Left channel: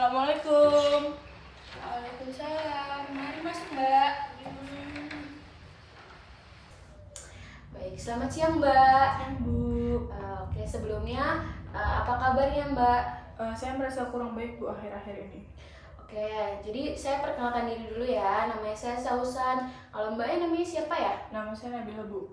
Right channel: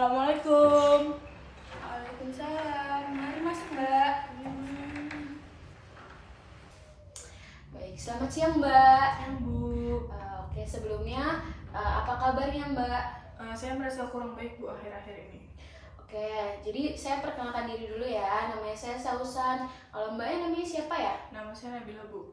Assalamualaikum. Waalaikumsalam. Mari masuk, Mbak. Baik, selamat siang, Mbak. Bu, Oke, sebelumnya apa kabarnya, Mbak? saya merasa kurang baik Bu akhir-akhir ini. Oke, jadi saya perkenalkan diri dulu ya. Namanya saya Sausan. Kalau Mbaknya namanya siapa ya? Nama saya Nabila Bu.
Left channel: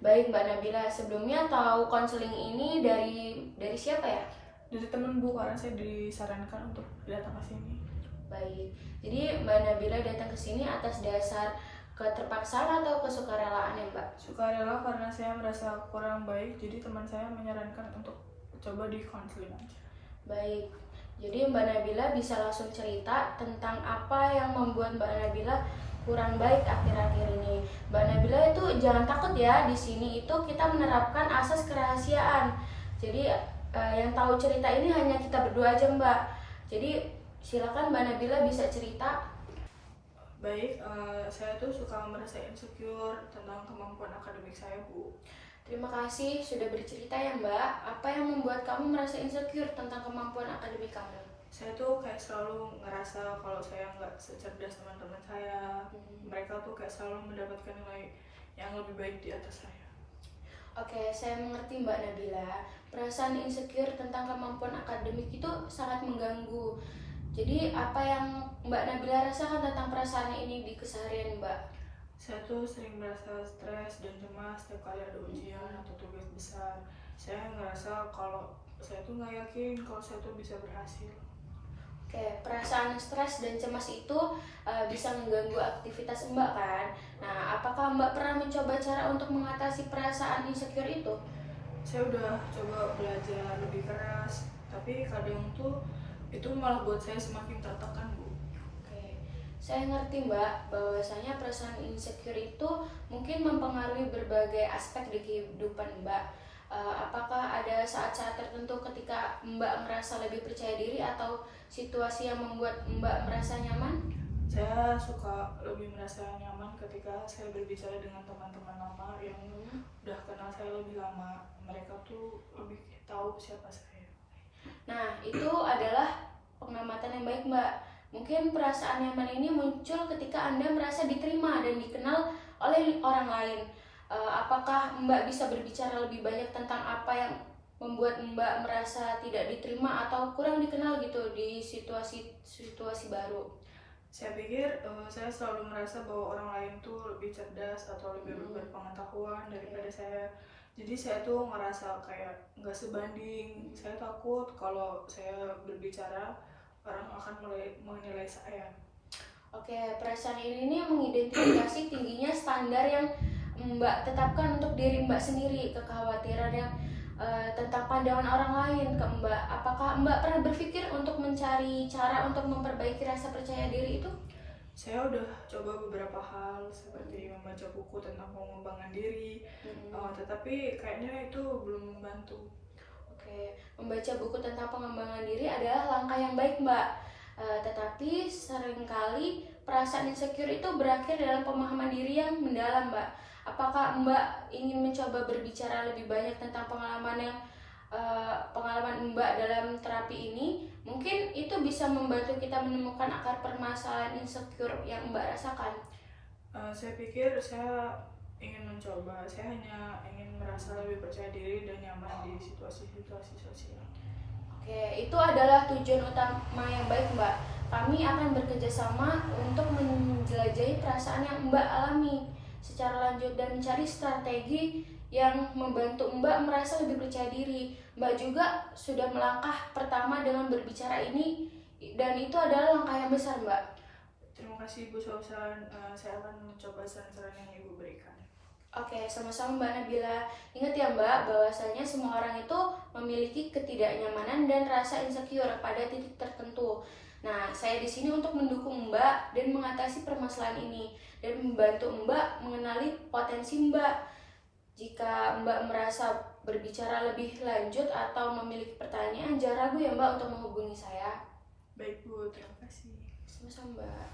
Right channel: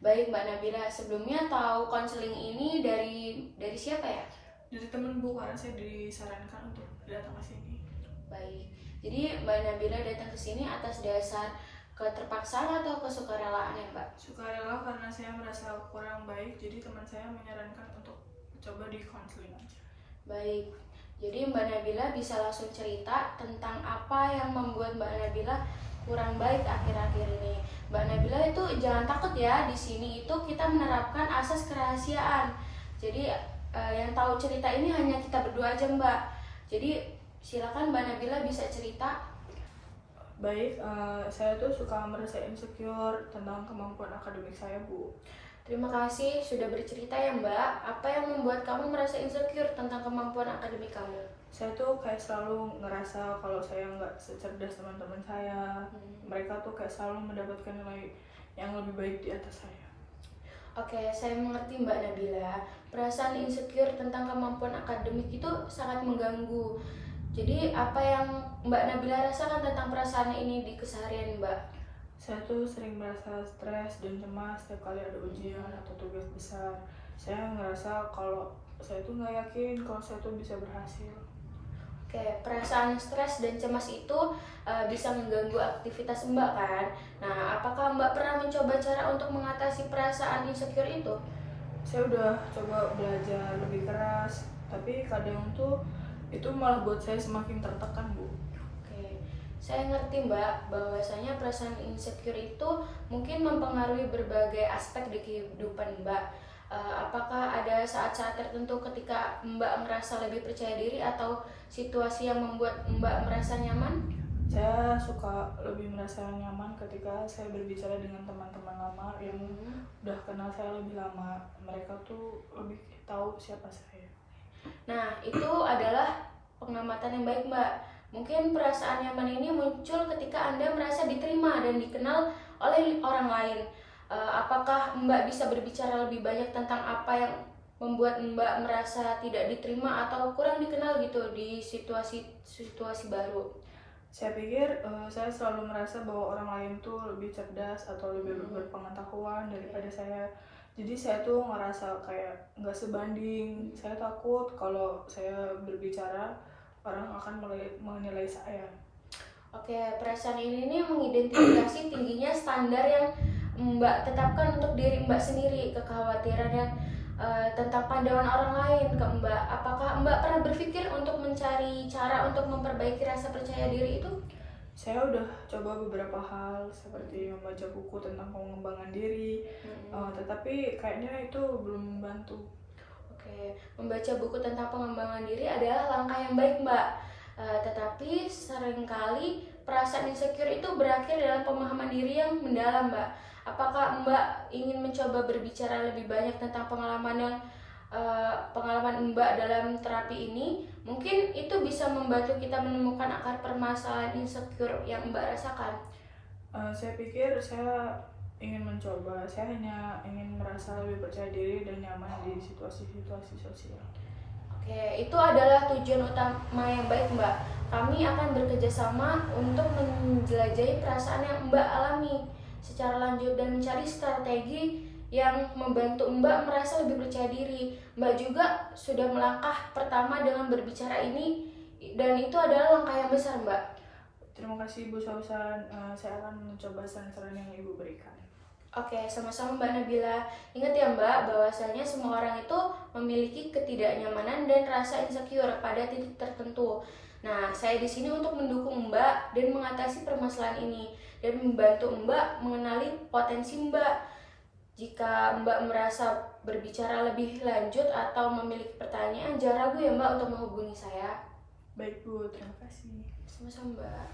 Baik, Mbak Nabila. Sebelumnya tahu konseling ini dari siapa ya? Dari temen Bu, karena saya disarankan untuk datang ke sini. Baik. Jadi Mbak Nabila datang ke sini atas dasar keterpaksaan atau kesukarelaan ya, Mbak? Sukarela karena saya merasa kurang baik, jadi teman saya menyarankan untuk coba di konseling aja. Baik. Jadi Mbak Nabila bisa langsung cerita tentang apa yang membuat Mbak Nabila kurang baik akhir-akhir ini. Mbak Nabila itu jangan takut ya, di sini itu kita menerapkan asas kerahasiaan. Jadi yang tahu cerita ini hanya kita berdua aja, Mbak. Jadi silakan Mbak Nabila bisa cerita. Baik, saya tuh suka merasa insecure tentang kemampuan akademik saya Bu. Terima kasih sudah bercerita ya, Mbak. Apa yang membuat kamu merasa insecure tentang kemampuan akademik kamu? Saya tuh kayak selalu ngerasa kalau saya nggak secerdas teman-teman saya. Mereka tuh kayak selalu mendapatkan nilai yang lebih baik di atas saya. Oke, saya mengerti Mbak Nabila. Perasaan insecure tentang kemampuan akademik itu sangat mengganggu. Jadi apa yang Mbak Nabila rasakan tentang perasaan ini di keseharian Mbak? Saya tuh sering merasa stres dan cemas setiap kali ada ujian atau tugas besar. Saya ngerasa kalau saya tuh nggak yakin kalau saya tuh bisa berhasil. Oke, perasaan stres dan cemas itu bisa mengganggu aktivitas Mbak kan? Nah, apakah Mbak pernah mencoba cara untuk mengatasi perasaan insecure itu? Saya udah coba belajar lebih keras, tapi kadang tuh itu malah buat saya semakin tertekan Bu. Oke, saya ngerti Mbak bahwasanya perasaan insecure itu mungkin mempengaruhi berbagai aspek di kehidupan Mbak. Apakah ada saat-saat tertentu ketika Mbak merasa lebih percaya diri atau situasi yang membuat Mbak merasa nyaman? Saya suka lebih merasa nyaman ketika saya berbicara dengan teman-teman lama yang udah kenal saya lebih lama. Mereka tuh lebih tahu siapa saya. Nah, itu adalah pengamatan yang baik Mbak. Mungkin perasaan nyaman ini muncul ketika Anda merasa diterima dan dikenal oleh orang lain. Apakah Mbak bisa berbicara lebih banyak tentang apa yang membuat Mbak merasa tidak diterima atau kurang dikenal gitu di situasi baru? Saya pikir saya selalu merasa bahwa orang lain tuh lebih cerdas atau lebih berpengetahuan daripada saya. Jadi saya tuh ngerasa kayak nggak sebanding. Saya takut kalau saya berbicara orang akan menilai saya. Oke, perasaan ini mengidentifikasi tingginya standar yang Mbak tetapkan untuk diri Mbak sendiri, kekhawatiran yang tentang pandangan orang lain ke Mbak. Apakah Mbak pernah berpikir untuk mencari cara untuk memperbaiki rasa percaya diri itu? Saya udah coba beberapa hal seperti membaca buku tentang pengembangan diri, tetapi kayaknya itu belum membantu. Oke, membaca buku tentang pengembangan diri adalah langkah yang baik Mbak. Tetapi seringkali perasaan insecure itu berakhir dalam pemahaman diri yang mendalam Mbak. Apakah Mbak ingin mencoba berbicara lebih banyak tentang pengalaman Mbak dalam terapi ini? Mungkin itu bisa membantu kita menemukan akar permasalahan insecure yang Mbak rasakan. Saya pikir saya ingin mencoba. Saya hanya ingin merasa lebih percaya diri dan nyaman di situasi-situasi sosial. Oke, itu adalah tujuan utama yang baik Mbak. Kami akan bekerjasama untuk menjelajahi perasaan yang Mbak alami secara lanjut dan mencari strategi yang membantu Mbak merasa lebih percaya diri. Mbak juga sudah melangkah pertama dengan berbicara ini dan itu adalah langkah yang besar Mbak. Terima kasih Bu Sausan. Saya akan mencoba saran-saran yang Ibu berikan. Oke, sama-sama Mbak Nabila. Ingat ya Mbak, bahwasanya semua orang itu memiliki ketidaknyamanan dan rasa insecure pada titik tertentu. Nah, saya di sini untuk mendukung Mbak dan mengatasi permasalahan ini dan membantu Mbak mengenali potensi Mbak. Jika Mbak merasa berbicara lebih lanjut atau memiliki pertanyaan, jangan ragu ya Mbak untuk menghubungi saya. Baik Bu, terima kasih. Sama-sama Mbak.